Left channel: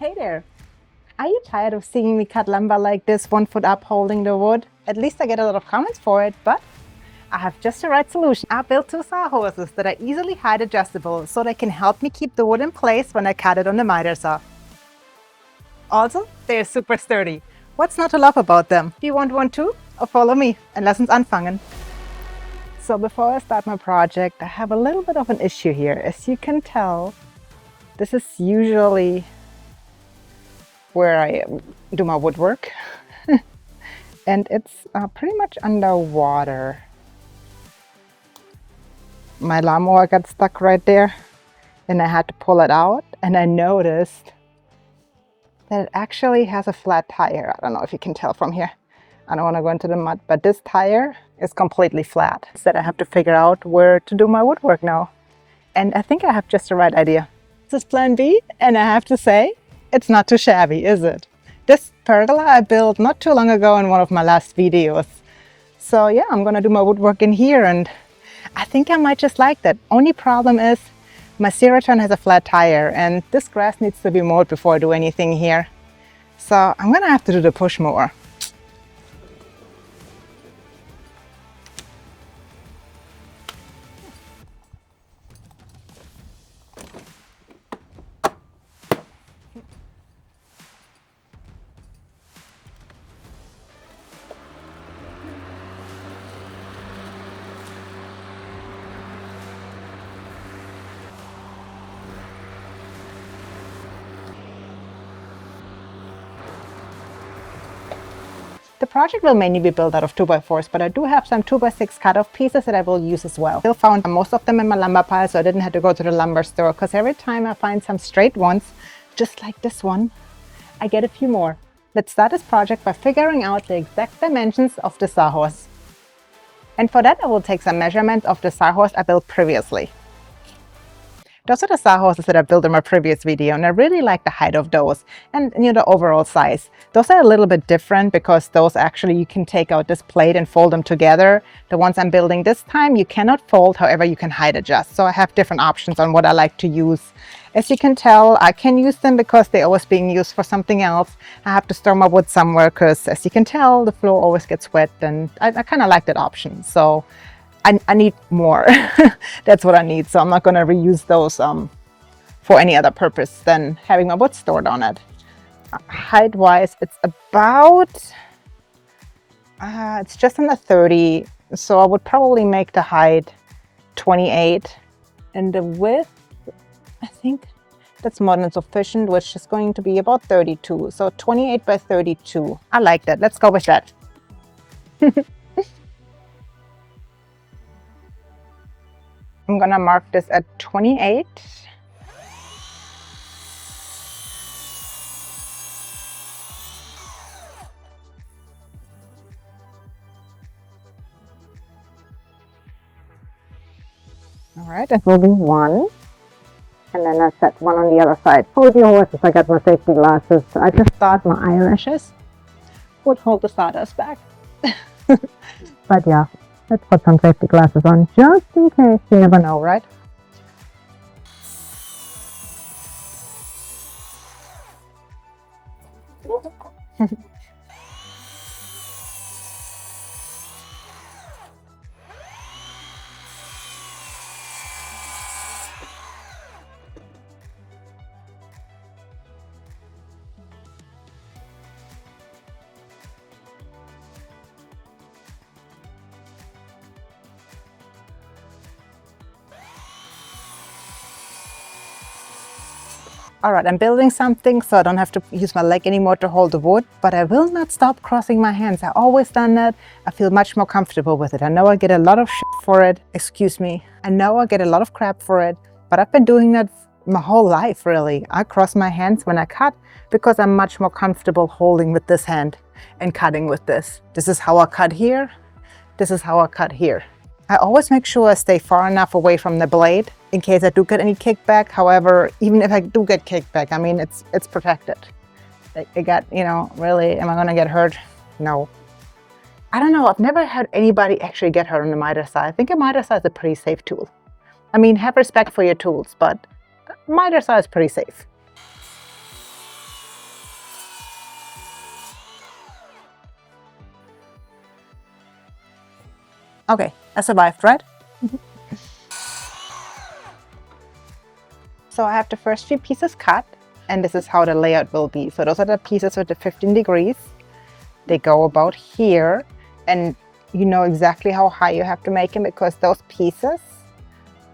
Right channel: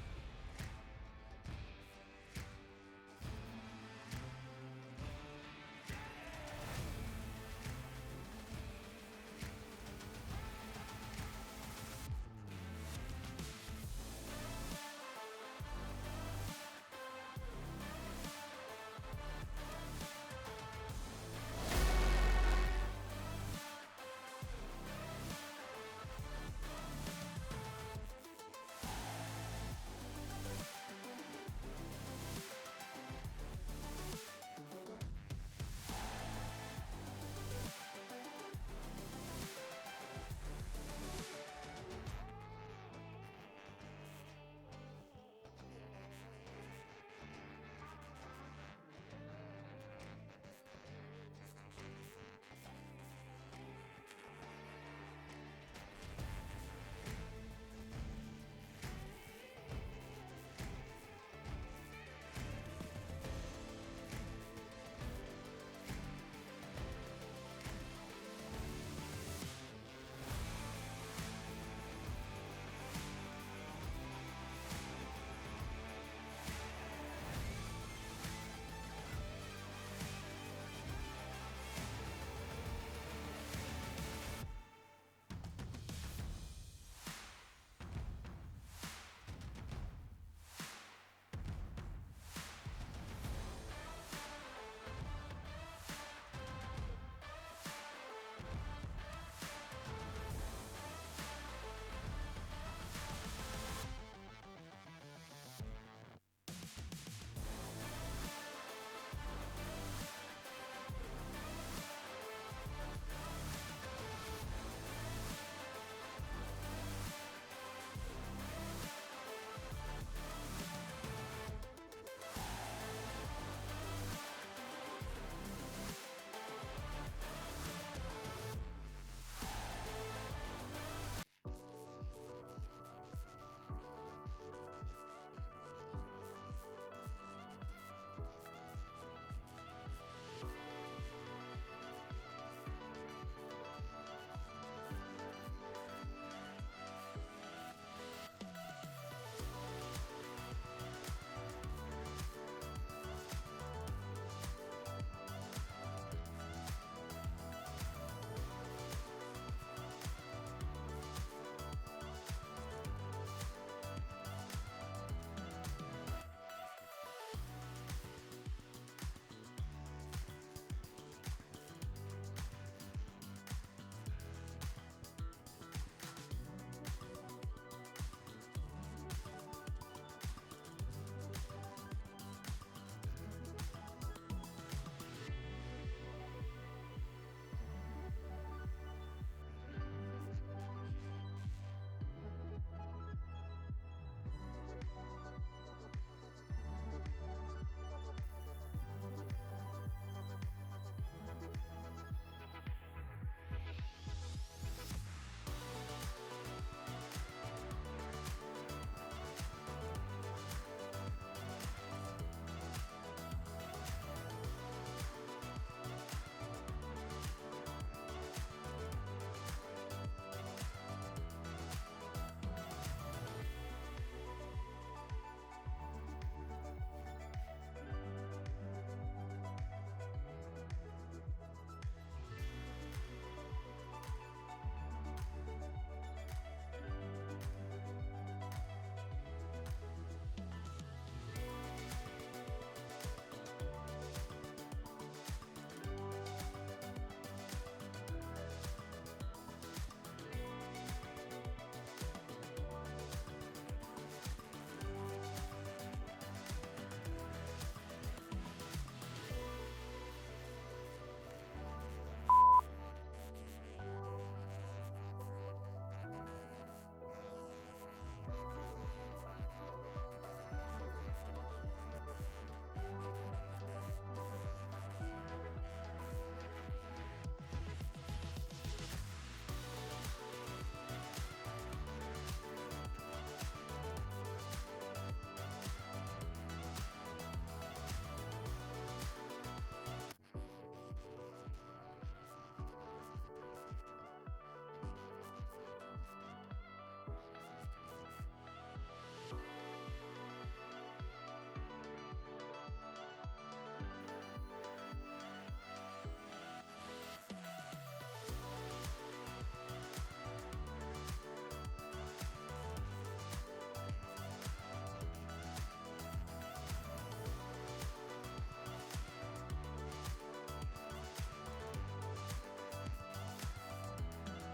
Hey there! Are you tired of seeing me cut lumber like this, 1 foot up holding the wood? At least I get a lot of comments for it, but I have just the right solution. I built 2 Sawhorses that are easily height adjustable so they can help me keep the wood in place when I cut it on the miter saw. Also, they're super sturdy. What's not to love about them? Do you want one too? Or follow me and lass uns anfangen. So before I start my project, I have a little bit of an issue here. As you can tell, this is usually where I do my woodwork. And it's pretty much underwater. My lawnmower got stuck right there and I had to pull it out, and I noticed that it actually has a flat tire. I don't know if you can tell from here. I don't want to go into the mud, but this tire is completely flat. So I have to figure out where to do my woodwork now. And I think I have just the right idea. This is plan B, and I have to say, it's not too shabby, is it? This pergola I built not too long ago in one of my last videos. So yeah, I'm gonna do my woodwork in here, and I think I might just like that. Only problem is my cedar has a flat tire, and this grass needs to be mowed before I do anything here. So I'm gonna have to do the push mower. The project will mainly be built out of 2x4s, but I do have some 2x6 cut-off pieces that I will use as well. I still found most of them in my lumber pile, so I didn't have to go to the lumber store, because every time I find some straight ones, just like this one, I get a few more. Let's start this project by figuring out the exact dimensions of the Sawhorse. And for that, I will take some measurements of the Sawhorse I built previously. Those are the Sawhorses that I built in my previous video, and I really like the height of those and the overall size. Those are a little bit different because those actually you can take out this plate and fold them together. The ones I'm building this time you cannot fold, however you can height adjust. So I have different options on what I like to use. As you can tell, I can use them because they're always being used for something else. I have to store my wood somewhere because, as you can tell, the floor always gets wet, and I kind of like that option. So I need more. That's what I need. So I'm not going to reuse those for any other purpose than having my wood stored on it. Height-wise, it's about, it's just under 30. So I would probably make the height 28. And the width, I think that's more than sufficient, which is going to be about 32. So 28 by 32. I like that. Let's go with that. I'm gonna mark this at 28. All right, that will be 1. And then I set 1 on the other side. Hold your horses, I got my safety glasses. I just thought my eyelashes would hold the sawdust back. But yeah. Let's put some safety glasses on just in case. You never know, right? All right, I'm building something so I don't have to use my leg anymore to hold the wood, but I will not stop crossing my hands. I've always done that. I feel much more comfortable with it. I know I get a lot of shit for it. Excuse me. I know I get a lot of crap for it, but I've been doing that my whole life, really. I cross my hands when I cut because I'm much more comfortable holding with this hand and cutting with this. This is how I cut here. This is how I cut here. I always make sure I stay far enough away from the blade in case I do get any kickback. However, even if I do get kickback, I mean, it's protected. I got, really, am I gonna get hurt? No. I don't know, I've never had anybody actually get hurt on the miter saw. I think a miter saw is a pretty safe tool. I mean, have respect for your tools, but miter saw is pretty safe. Okay, I survived, right? So I have the first few pieces cut, and this is how the layout will be. So those are the pieces with the 15 degrees. They go about here, and you know exactly how high you have to make them because those pieces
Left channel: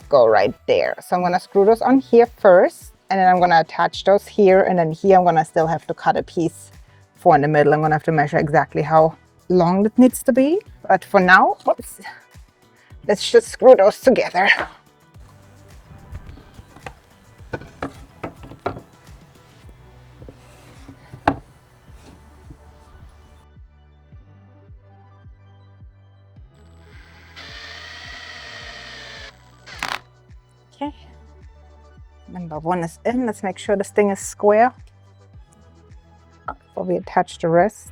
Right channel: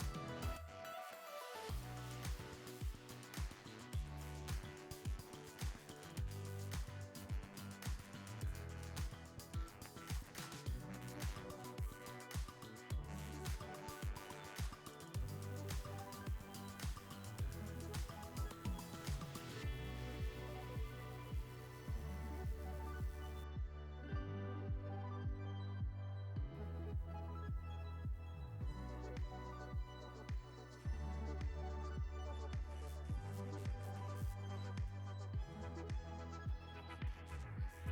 go right there. So I'm gonna screw those on here first, and then I'm gonna attach those here, and then here I'm gonna still have to cut a piece for in the middle. I'm gonna have to measure exactly how long it needs to be. But for now, whoops, let's just screw those together. Okay, number one is in. Let's make sure this thing is square before we attach the rest.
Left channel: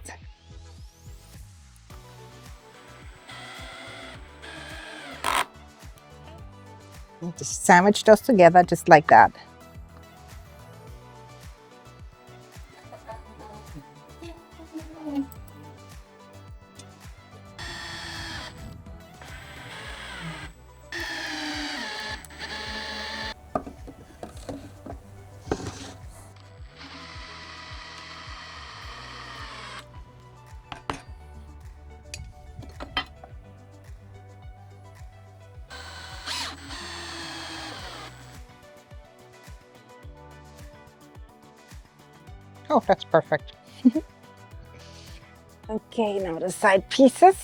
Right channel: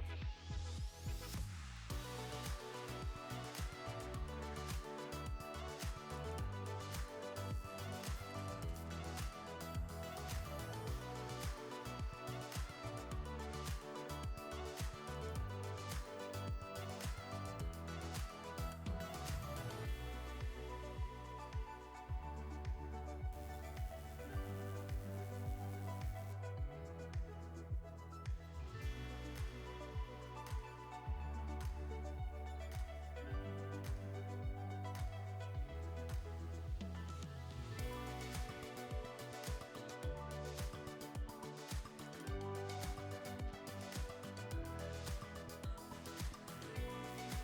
And just sandwich those together just like that. Oh, that's perfect. Okay, now the side pieces.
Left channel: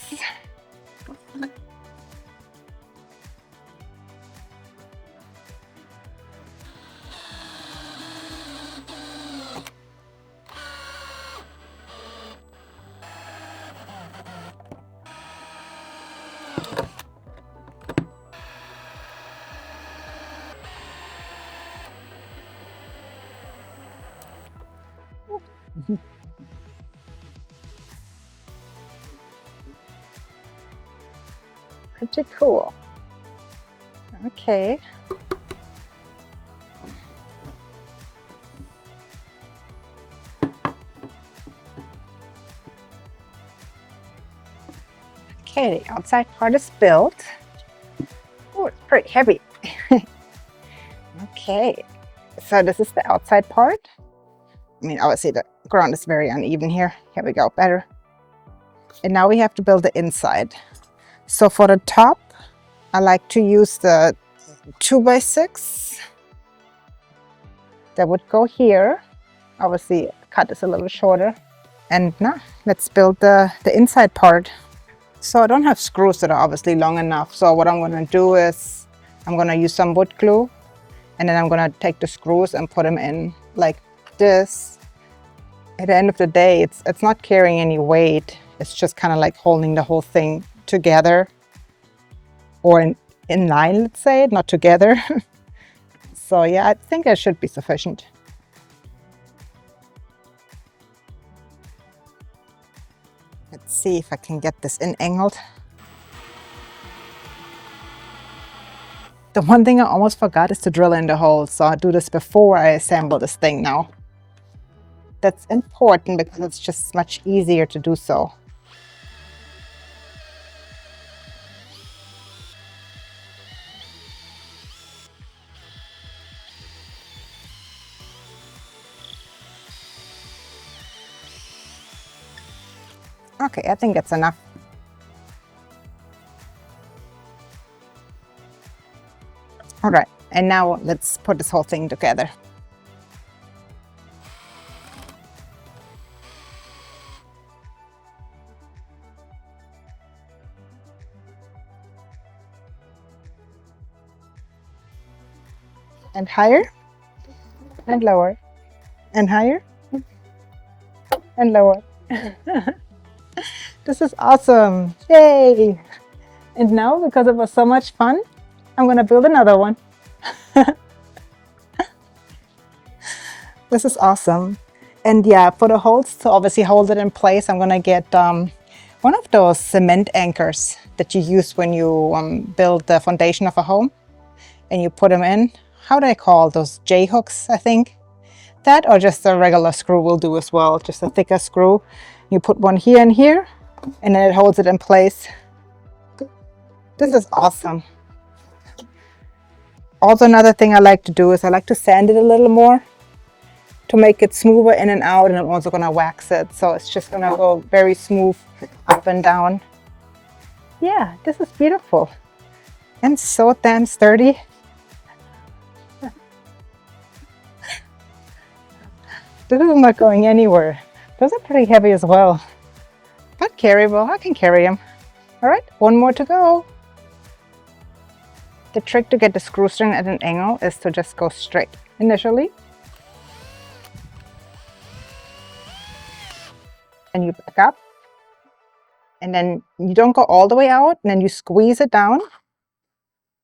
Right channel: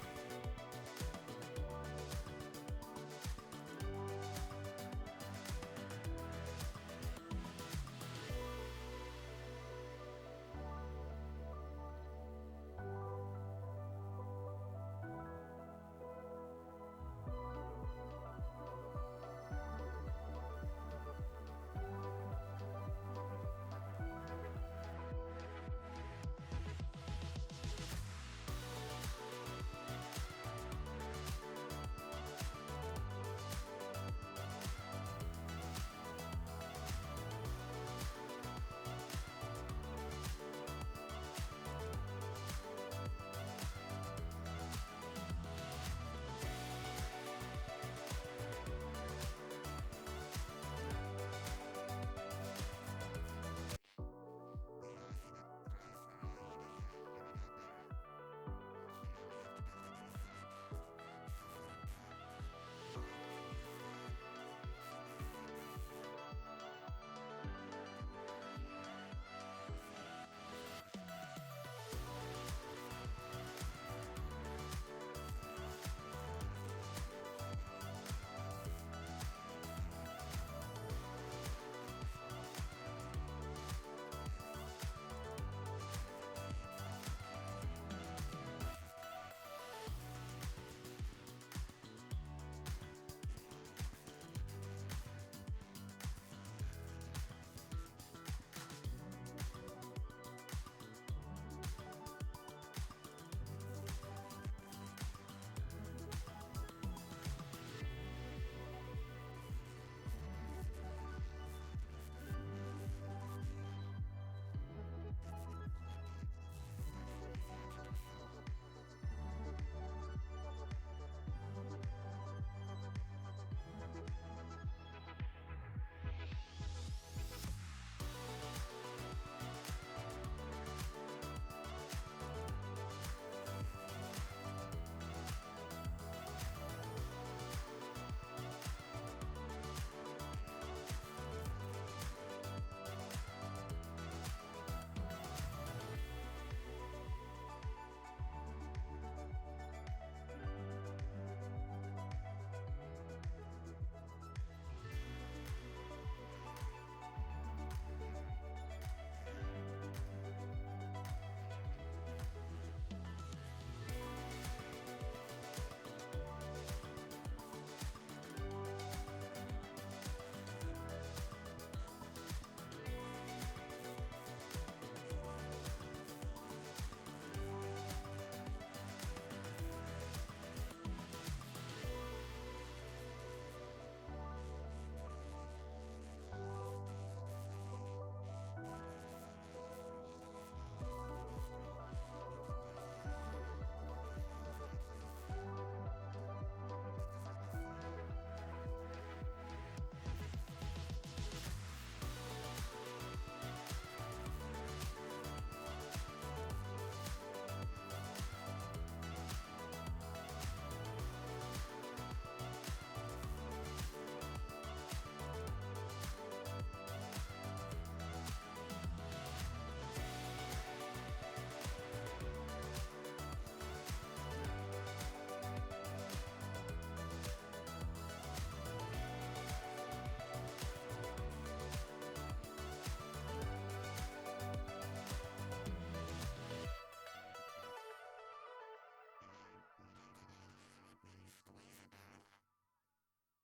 Pretty cool. Okay. Okay, the outside part is built. Oh, it's pretty heavy. Okay, so this is the outside part. I mean, obviously the ground is very uneven here. Here we go, better. And now we have to build the inside. So for the top, I like to use the 2x6. That would go here. Obviously, cut is a little shorter. And now let's build the inside part. So I don't have screws that are obviously long enough. So what I'm gonna do is I'm gonna use some wood glue, and then I'm gonna take the screws and put them in like this. At the end of the day, it's not carrying any weight. It's just kind of like holding the whole thing together, or in line, let's say, not together. So yeah, I think that should be sufficient. Let's see if I can get this in angled. The one thing I almost forgot is to drill in the hole, so I'll do this before I assemble this thing now. That's important because it's just much easier to do so. Okay, I think that's enough. All right, and now let's put this whole thing together. And higher, and lower, and higher, and lower. This is awesome, yay! And now, because it was so much fun, I'm gonna build another one. This is awesome. And yeah, for the holes, to obviously hold it in place, I'm gonna get one of those cement anchors that you use when you build the foundation of a home, and you put them in. How do I call those? J-hooks, I think. That, or just a regular screw will do as well, just a thicker screw. You put one here and here, and then it holds it in place. This is awesome. Also, another thing I like to do is I like to sand it a little more to make it smoother in and out, and I'm also gonna wax it. So it's just gonna go very smooth up and down. Yeah, this is beautiful. And so damn sturdy. This is not going anywhere. Those are pretty heavy as well. But carryable, I can carry them. All right, one more to go. The trick to get the screw string at an angle is to just go straight initially. And you back up. And then you don't go all the way out, and then you squeeze it down.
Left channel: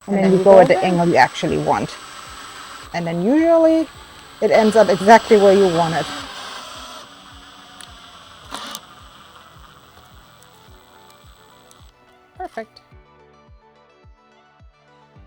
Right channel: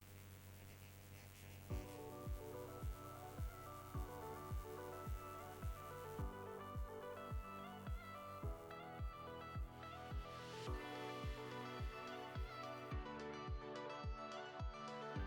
And then you go at the angle you actually want. And then usually it ends up exactly where you want it. Perfect.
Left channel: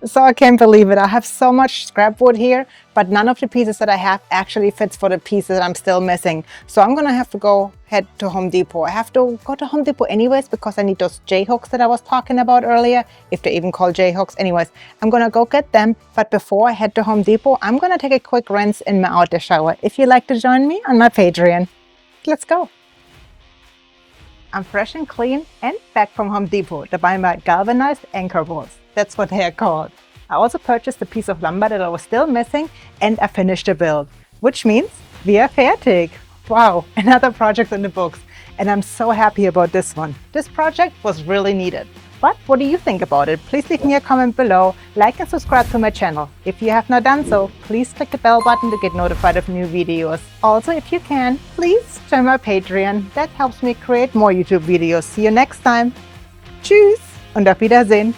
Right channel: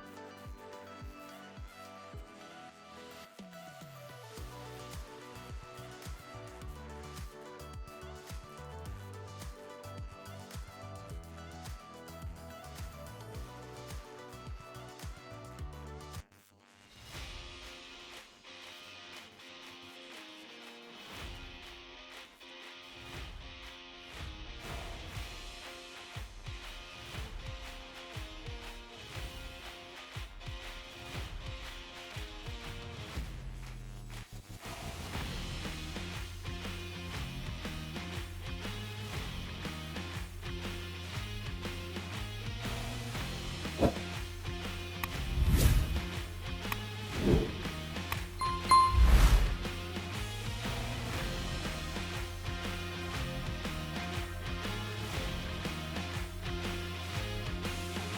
So I can't believe it. I have so much scrap wood here, but none of the pieces that I have actually fits for the pieces that I'm still missing. So I'm gonna have to head to Home Depot. I have to go to Home Depot anyways because I need those J-hooks that I was talking about earlier, if they're even called J-hooks. Anyways, I'm gonna go get them. But before I head to Home Depot, I'm gonna take a quick rinse in my outdoor shower. If you'd like to join me on my Patreon, let's go. I'm fresh and clean and back from Home Depot to buy my galvanized anchor bolts. That's what they are called. I also purchased a piece of lumber that I was still missing, and I finished the build, which means we are fertig. Wow, another project in the books. And I'm so happy about this one. This project was really needed. But what do you think about it? Please leave me a comment below, like and subscribe to my channel. If you have not done so, please click the bell button to get notified of new videos. Also, if you can, please join my Patreon. That helps me create more YouTube videos. See you next time. Tschüss und auf Wiedersehen.